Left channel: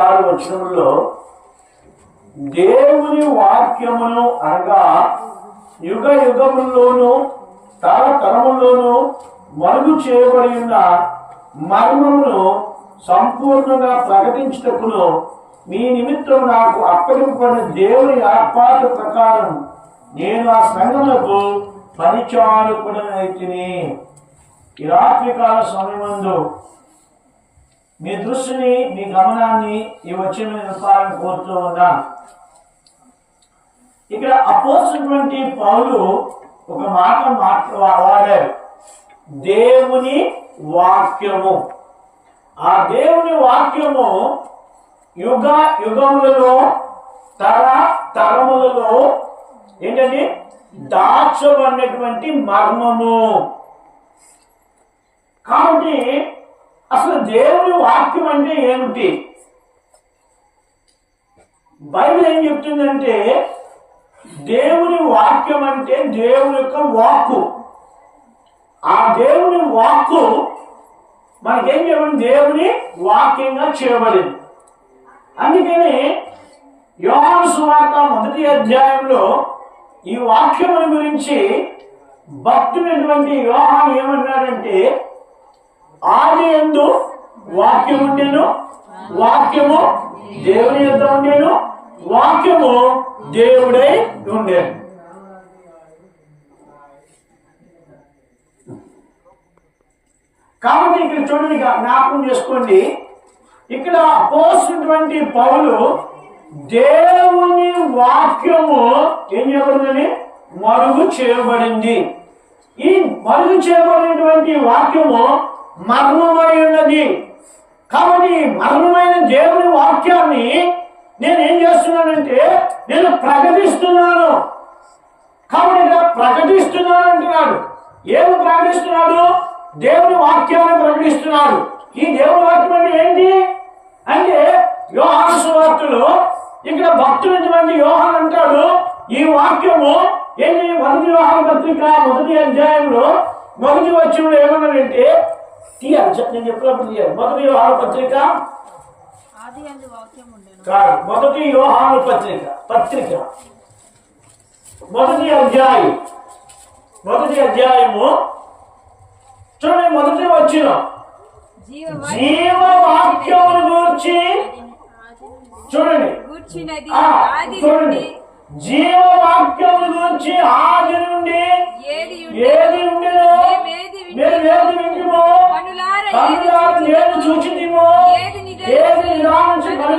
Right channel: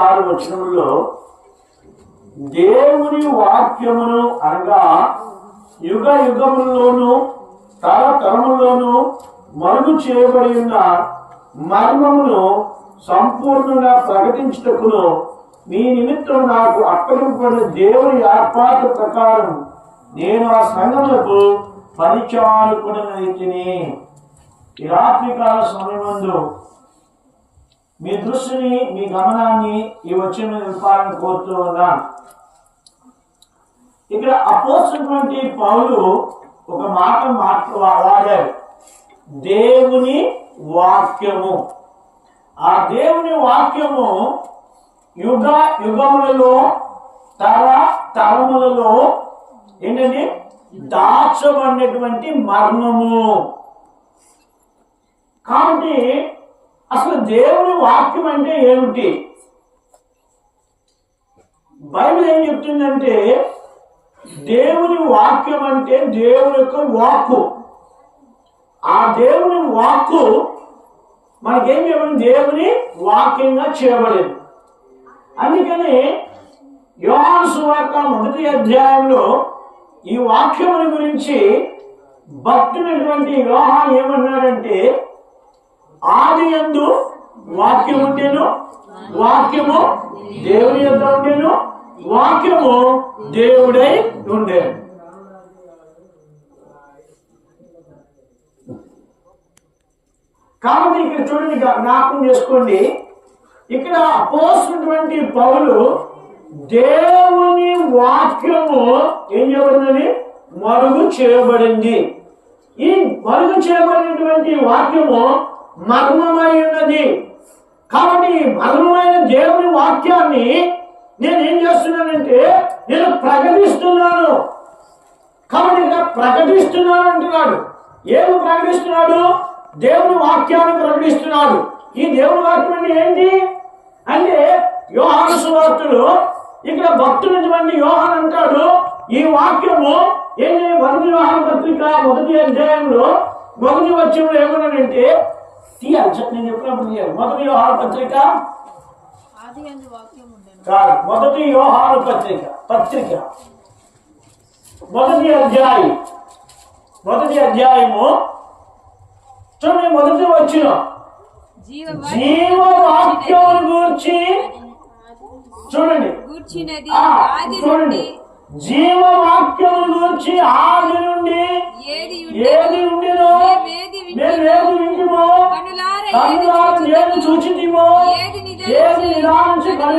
వచనంలో దేవుని వాక్యమును అనగా యుగ యుగముల్లోను తరతరముల్లోను మరుగు చేయబడి ఉన్న మర్మమును సంపూర్ణంగా ప్రకటించుటకును మీ నిమిత్తం నాకు అప్పగింపబడిన దేవుని ఏర్పాటు ప్రకారం నేను ఆ సంఘములకు పరిచారకుడనైతిని. ఈ రాత్రికాల సమయమందు మీ దృష్టిని మీ గమనాన్ని ఈ వచ్చిన నిలపాలని కోరుతూ ఉన్నాను. ఇక్కడ అపోస్తులైనటువంటి పౌలు ఒక మాట వాడారు, దేవుని వాక్యము. ఆ దేవుని వాక్యము యుగ యుగములలో తరములలో ఏంటంటే దాచబడినటువంటి మర్మము. కాబట్టి అసలు దేవుని వాక్యం అంటే ఏమిటి? బైబిల్ ఏం చెప్తుందంటే దేవుని వాక్యం అంటే దేవుని యొక్క వాక్కు. ఆ దేవుని వాక్కు మనకేం చెప్పండి, దేవుని వాక్యంగా చేయబడింది. అందుకని యోహాను సువార్త 1వ అధ్యాయంలో ఈ వాక్యముని గురించి భక్తుడైనటువంటి యోహాను ఏమన్నాడంటే, ఆది యందు వాక్యం ఉండెను, వాక్యము దేవుని యొద్ద ఉండెను, వాక్యము దేవుడై ఉండెను. కాబట్టి ఇక్కడ చూడండి, జ్ఞాపకం చేసుకోండి, ఇక్కడ అపోస్తులైనటువంటి పౌలు దేవుని వాక్యము ఏం చేయబడిందని మరుగు చేయబడింది. ఈ మరుగు చేయబడినటువంటి వాక్యము మర్మమై ఉన్నది. కాబట్టి మర్మమైన దేవుని వాక్యాన్ని నేను ఏం చేస్తున్నానంటే నేను ప్రకటిస్తున్నాను. కాబట్టి ప్రకటిస్తున్నాను అంటున్నాడు. ఏమి ప్రకటిస్తున్నాడు? దేవుని వాక్యాన్ని ప్రకటిస్తున్నాడు. ఈ దేవుని వాక్యం అంటే ఏంటి అంటే యోహాను సువార్తలో ఇక్కడ భక్తుడైనటువంటి యోహాను అంటాడు, ఈ వాక్యము ఏంటి? 1 యోహాను పత్రిక 1వ అధ్యాయంలో 1వ వచనంలో ఏమన్నాడంటే, నేను చెప్పినప్పుడు 1 యోహాను పత్రిక కాదు, 1 యోహాను పత్రిక 1వ అధ్యాయము చూడండి, 1వ వచనం జీవవాక్యమును గూర్చి చూడండి, జీవవాక్యమును గూర్చి ఆది నుండి ఏది ఉండినో మేము వింటిమో, కన్నులారా నేను చూచితిమో, ఏది నిదానించి